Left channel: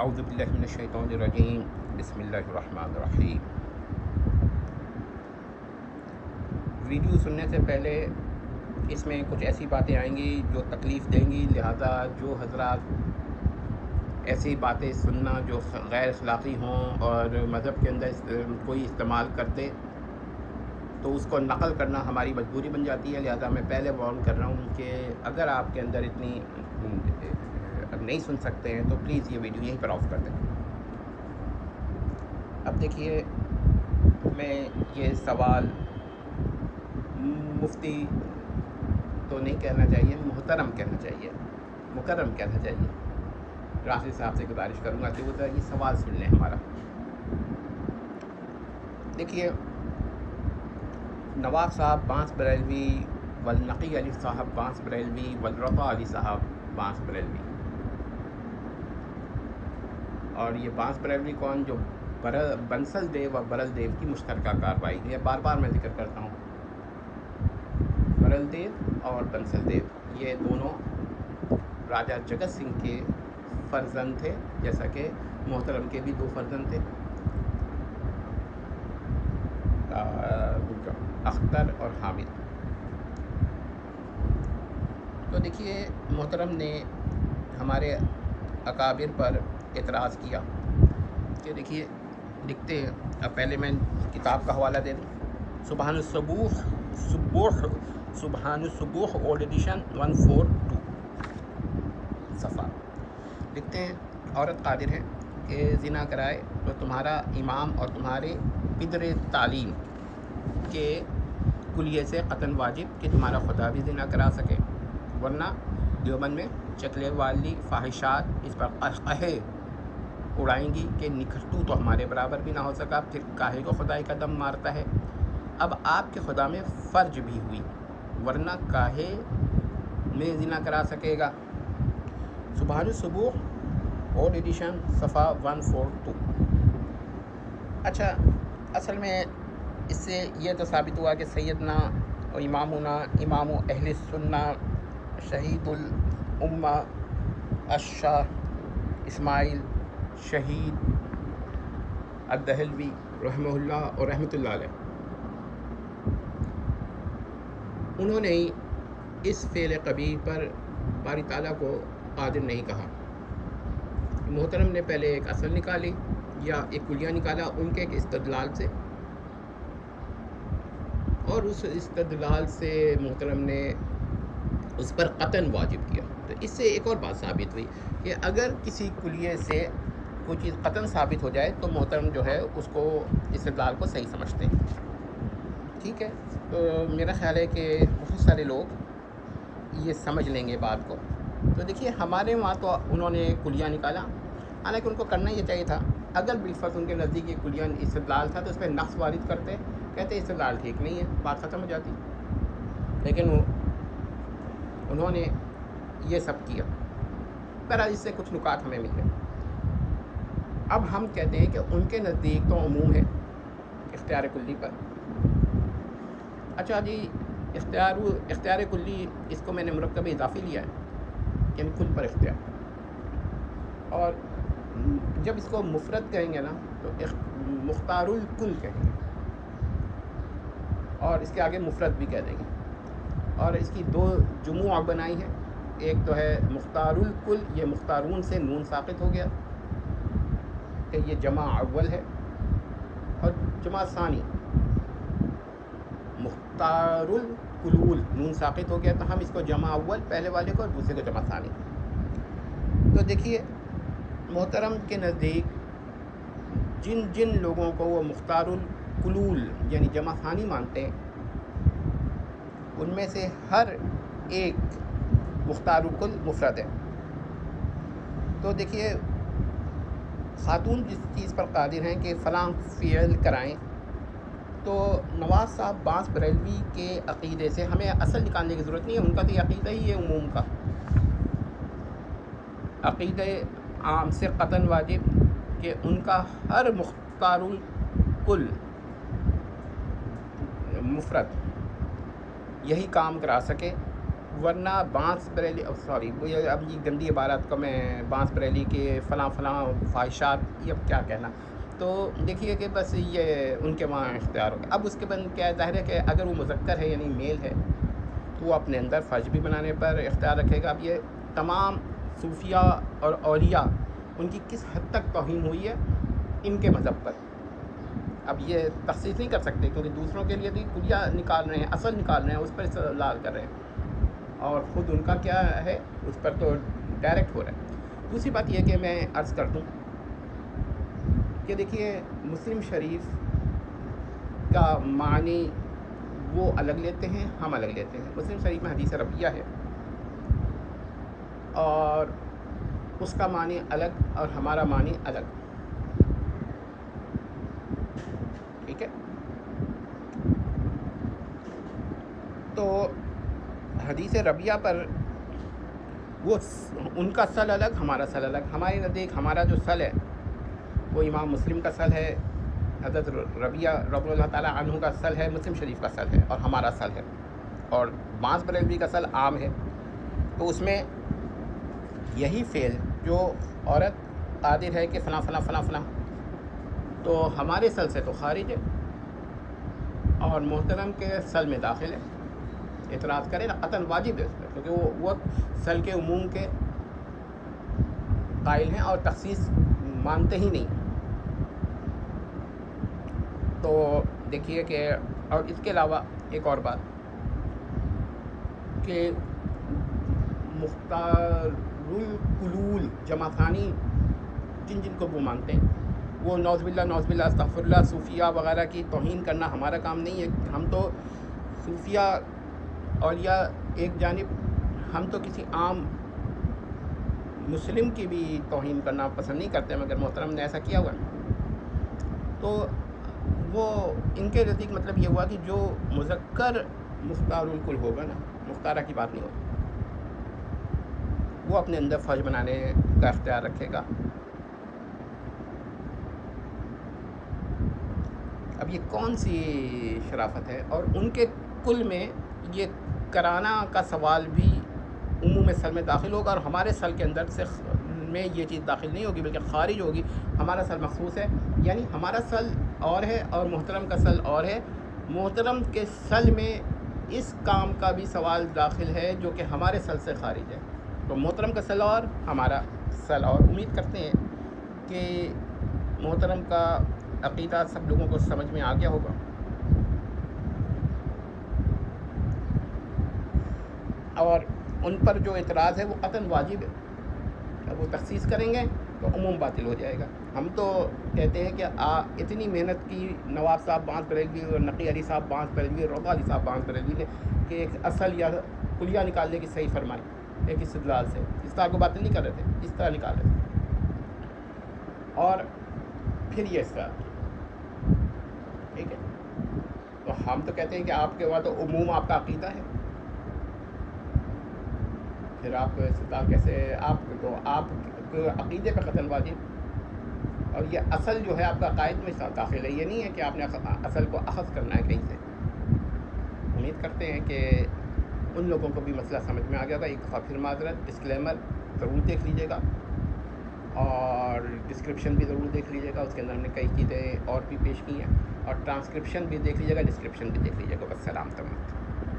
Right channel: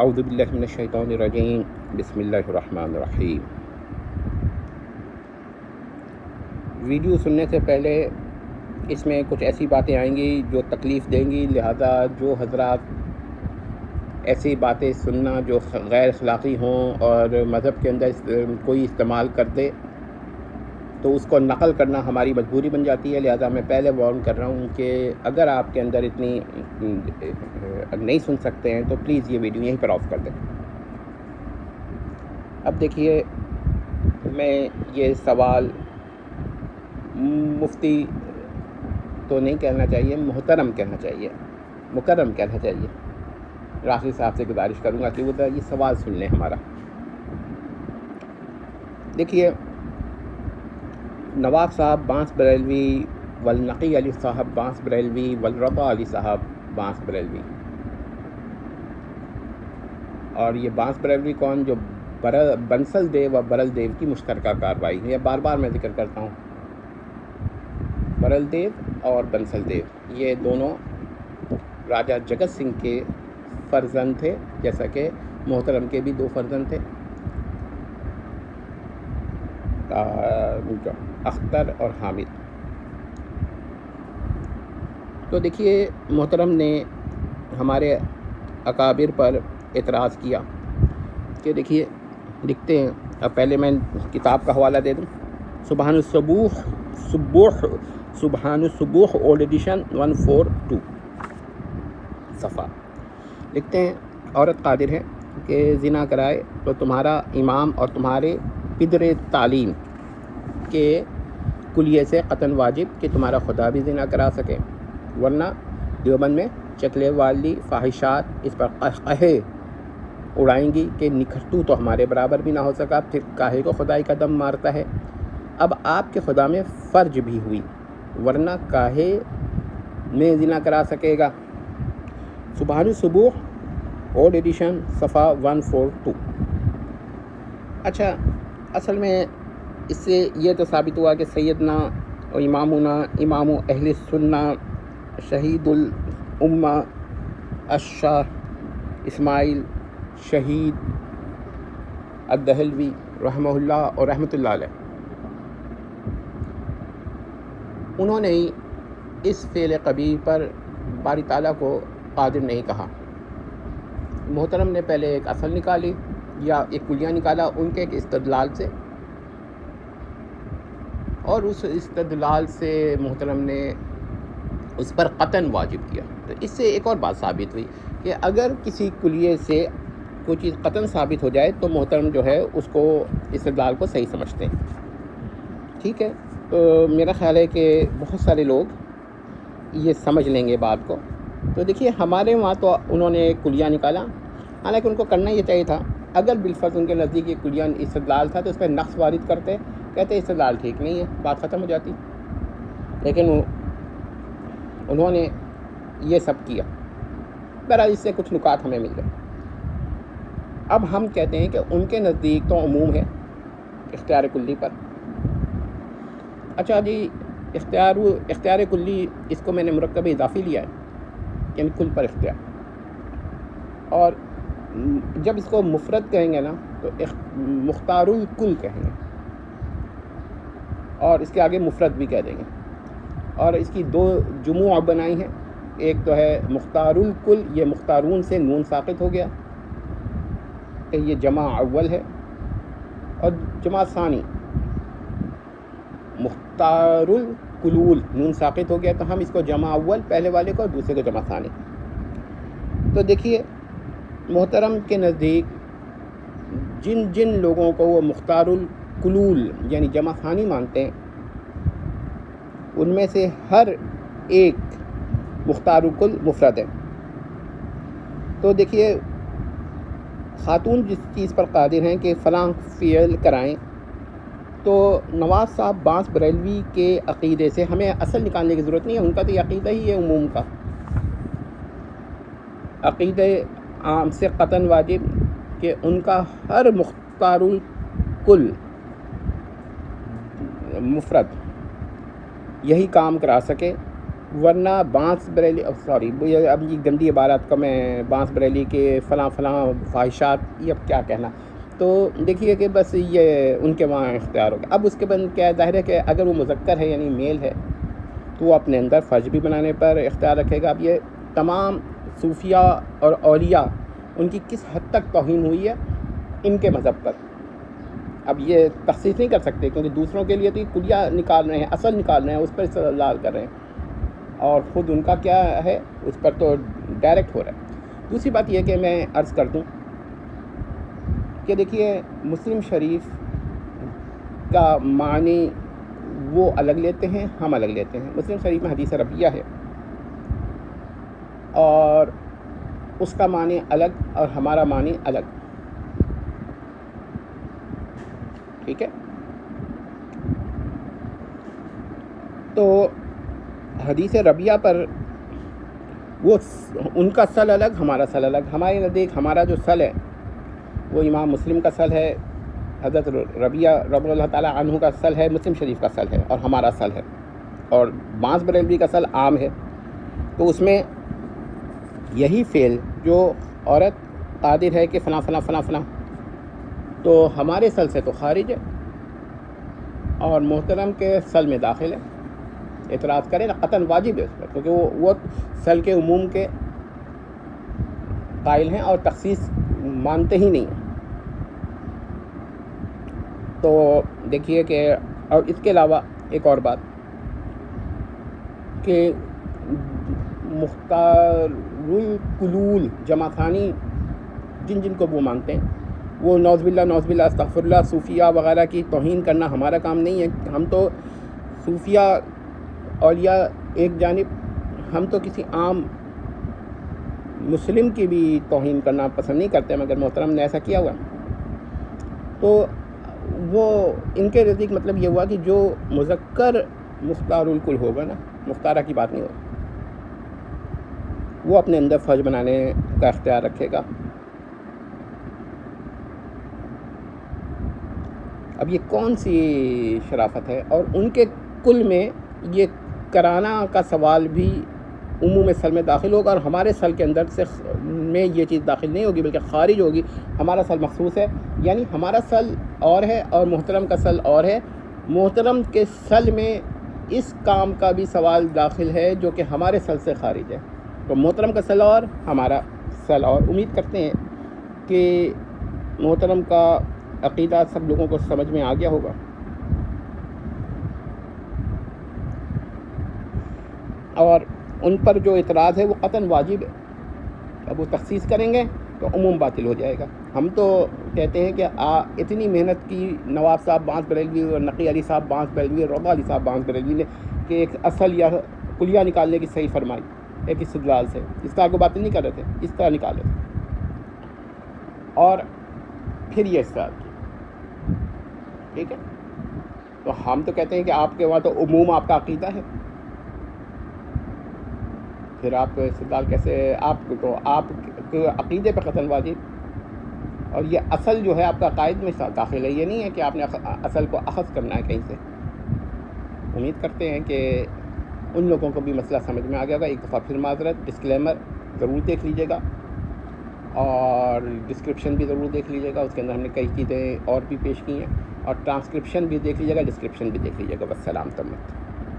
اعوذ باللہ من الشیطان الرجیم بسم اللہ الرحمن الرحیم۔ ویڈیو سننے سے پہلے اس میں کچھ ایسی باتیں آئیں گی جو تکلیف دیں گی، لہذا جو حضرات ایسی باتیں سننا جو غیر اخلاقی ہوں اور مذہب کے اندر کوئی استعمال کر دے تو اس کو نقل کرنا ہماری مجبوری بن جاتی ہے، لہذا میں پہلے وارن کر رہا ہوں کہ اگر آپ کے اندر اتنی نہیں سن سکتے ہیں تو پلیز یہ ویڈیو یہیں پر آف کر دیں۔ اب دیکھیے، میں یہ سوال مفتی تو نہیں کہنا چاہیے، محترم کہنا چاہیے، مکرم کہنا چاہیے، راشد صاحب سے گزارش کروں گا کہ وہ یہ سوال سن لیں ہمارا۔ دیکھیے، نواب صاحب بانس بریلوی والنقی علی صاحب بانس بریلوی والرضا علی صاحب بانس بریلوی، اور یہ بانس بریلوی کون؟ جو بنسل دیو اور برل دیو کی مشترکہ کارروائی ہے، بار بار میں ذکر کرتا ہوں، برل دیو اور بنسل دیو یہ دونوں راجہ جگت سنگھ کے فرزند تھے، جیسا کہ محترم کے بھی دو فرزند تھے، اختر اور حامد۔ تو دیکھیے، محترم نے ہمارے اکابر پر اعتراض کیا کہ دیکھیے لکھتے ہیں، اب پہلے میں کتاب کا حوالہ دے دوں، سبحان الصبوح اولڈ ایڈیشن 142 صفحہ، لکھتے ہیں عورت قادر ہے کہ زنا کرائے تو تمہارا امام اور تمہارے پدر تعلیم کے کلیے سے قطعاً واجب کہ تمہارا خدا بھی زنا کرا سکے، ورنہ دیوبند میں چکلے والی فاحشات اس پر قہقہے اڑائیں گی کہ نکھٹو تو ہمارے برابر بھی نہ ہو سکا، پھر کاہے کو خدائی کا دم مارتا ہے۔ اب آپ کے خدا میں فرج بھی ہوئی، ورنہ کاہے میں زنا کرا سکے گا۔ سبحان الصبوح اولڈ ایڈیشن صفحہ 142۔ اچھا، اصل میں اس سے یہ تو ثابت ہوا کہ سیدنا و امامنا امام اہل سنہ شہید الامہ الشاہ اسماعیل شہید الدہلوی رحمہ اللہ اور رحمۃ اللہ علیہ، انہوں نے اس فعل قبیح پر باری تعالیٰ کو قادر نہیں کہا۔ محترم نے پہلے ایک اصل نکالی یا ایک کلیہ نکالا ان کے ایک استدلال سے، اور اس استدلال سے محترم نے اس پر قطعاً واجب کیا۔ تو اس سے ایک اور بات ثابت ہوئی کہ اگر کسی کلیے سے کوئی چیز قطعاً ثابت ہو جائے تو محترم جو ہے اس کو استدلال کو صحیح سمجھتے ہیں۔ ٹھیک ہے، تو میرا خیال ہے کہ بہت سارے لوگ یہ سمجھ لیں گے بات کو۔ تو دیکھیے، ہمارے وہاں تو انہوں نے کلیہ نکالا، حالانکہ ان کو کرنا یہ چاہیے تھا، اگر بالفرض ان کے نزدیک یہ کلیہ استدلال تھا تو اس پہ نقص وارد کرتے، کہتے استدلال ٹھیک نہیں ہے، بات ختم ہو جاتی، لیکن انہوں نے یہ سب کیا۔ بہرحال اس سے کچھ نکات ہمیں مل گئے۔ اب ہم کہتے ہیں کہ ان کے نزدیک تو عموم ہے اختیار کلی پر۔ اچھا جی، اختیار کلی اس کو میں نے مرکب اضافی لیا ہے کہ کل پر اختیار، اور جب اس کو مفرد کہیں گے نا تو مختار الکل کہیں گے، اور اس کے آگے مفرد بھی کہہ دیں گے، اور اس کی دو جموع بنائی ہیں، ایک تو ہے مختار الکل، یہ مختارون سے نون ساقط ہو گیا کہ یہ جمع اول ہے، اور جمع ثانی مختار الکلول نون ساقط ہو گیا، تو ہم اس کو جمع اول پہلے والے کو اور دوسرے کو جمع ثانی۔ تو دیکھیے، محترم کے نزدیک جن جن لوگوں کو وہ مختار الکلول یعنی جمع ثانی مانتے ہیں، ان میں سے ہر ایک مختار الکل مفرد ہے۔ تو دیکھیے، خاتون جس چیز پر قادر ہیں کہ فلاں فعل کرائیں، تو نواز صاحب بانس بریلوی کے عقیدے سے ہمیں اصل نکالنے کی ضرورت نہیں ہے، ان کا تو یہ عقیدہ ہی ہے عموم کا، عقیدہ عام سے قطعاً واجب کہ ان کا ہر مختار الکل مفرد یہی کام کرا سکے ورنہ بانس بریلی سوری اب یہ گندی عبارت کا میں بانس بریلی کے فلاں خواہشات، یہ اب کیا کہنا. تو دیکھیے کہ بس یہ ان کے وہاں اختیار ہوگا. اب اس کے بعد کیا ہے، ظاہر ہے کہ اگر وہ مذکر ہے یعنی میل ہے تو وہ اپنے اندر فرض بھی بنانے پر اختیار رکھے گا. اب یہ تمام صوفیہ اور اولیاء ان کی کس حد تک توہین ہوئی ہے ان کے مذہب پر. اب یہ تخصیص نہیں کر سکتے کیونکہ دوسروں کے لیے تو کلیہ نکال رہے ہیں، اصل نکال رہے ہیں، اس پر استدلال کر رہے ہیں، اور خود ان کا کیا ہے اس پر تو ڈائریکٹ ہو رہا ہے. دوسری بات یہ کہ میں عرض کر دوں کہ دیکھیے مسلم شریف کا معنی وہ الگ لیتے ہیں، ہم الگ لیتے ہیں. مسلم شریف میں حدیث ربیہ ہے اور اس کا معنی الگ اور ہمارا معنی الگ. ٹھیک ہے، تو حدیث ربیہ پر وہ ان کا سل الگ، ہمارا سل الگ. ہمارے نزدیک ہمارا جو سل ہے وہ امام مسلم کا سل ہے، حضرت ربیہ رضی اللہ تعالیٰ عنہ کا سل ہے، مسلم شریف کا سل ہے، اور ہمارا سل ہے. اور بانس بریلوی کا سل عام ہے. تو اس میں یہی فعل جو عورت قادر ہے کہ فلاں فلاں فلاں فلاں، تو ہمارے سل سے تو خارج ہے اور محترم کے سل میں داخل ہے. اعتراض کرے نا قطعاً واجب ہے اس پر، کیونکہ وہ سل کے عموم کے قائل ہیں اور تخصیص مانتے ہی نہیں. تو دیکھیے کہ اور اس کے علاوہ ایک اور بات کہ مختار القلول جمع ثانی جن کو وہ مانتے ہیں، وہ نعوذ باللہ استغفر اللہ صوفیہ وغیرہ کی توہین کرنا ہمارا کام نہیں ہے. ہم تو صوفیہ اولیاء ایک جانب، ہم تو کسی عام مسلم کی بھی توہین کرنا پسند نہیں کرتے، مگر محترم نے ایسا کیا ہوا. تو وہ ان کے نزدیک مطلب یہ ہوا کہ جو مذکر مختار الکل ہوگا نا، مختارہ کی بات نہیں ہوگی، وہ اپنے اندر فرض بنانے کا اختیار رکھے گا. اب یہ کون سی شرافت ہے؟ اور ان کے کل میں یہ کرانا کا سوال بھی عموم سل میں داخل ہوگا، اور ہمارے سل کے اندر سے میں یہ چیز داخل نہیں ہوگی بلکہ خارج ہوگی. ہمارا سل مخصوص ہے، یعنی ہمارا سل اور ہے اور محترم کا سل اور ہے. محترم کے سل میں اس کام کا بھی سوال داخل ہے جو کہ ہمارے سل سے خارج ہے. تو محترم کا سل اور ہمارا سل اور. امید کرتے ہیں کہ محترم کا عقیدہ سب لوگوں کو سمجھ میں آ گیا ہوگا. اور ان پر جو اعتراض ہے وہ قطعاً واجب ہے. اب وہ تخصیص کریں گے تو عموم باطل ہو جائے گا. ہم تو کہتے ہیں کہ اتنی محنت کی نواب صاحب بانس بریلوی اور نقی علی صاحب بانس بریلوی اور رضا علی صاحب بانس بریلوی نے کہ ایک اصل یا کلیہ نکالنے کی صحیح فرمائی ایک استدلال سے. استدلال کو باطل نہیں کر رہے تھے، اس طرح نکالے تھے اور پھر یہ استدلال کی. ٹھیک ہے، تو ہم تو کہتے ہیں کہ آپ کے وہاں تو عموم آپ کا عقیدہ ہے، پھر آپ کو استدلال کیسے؟ آپ کو آپ کے عقیدے پہ قتل واجب. اور یہ اصل جو ہے آپ کا عقائد میں داخل ہے، یہ نہیں ہے کہ آپ نے اصل کو اخذ کرنا ہے کہیں سے. امید کرتے ہیں کہ ان لوگوں کو بھی مسئلہ سمجھ میں آ گیا گا. ایک دفعہ پھر معذرت، ڈسکلیمر ضرور دیکھ لیجیے گا اور ڈسکرپشن بھی ضرور دیکھ لیجیے گا. اس کے اندر ہم نے کئی چیزیں اور بھی پیش کی ہیں، اور ٹرانسکرپشن بھی دیکھ لیجیے گا، ڈسکرپشن بھی دیکھ لیجیے گا. بس سلام تمام.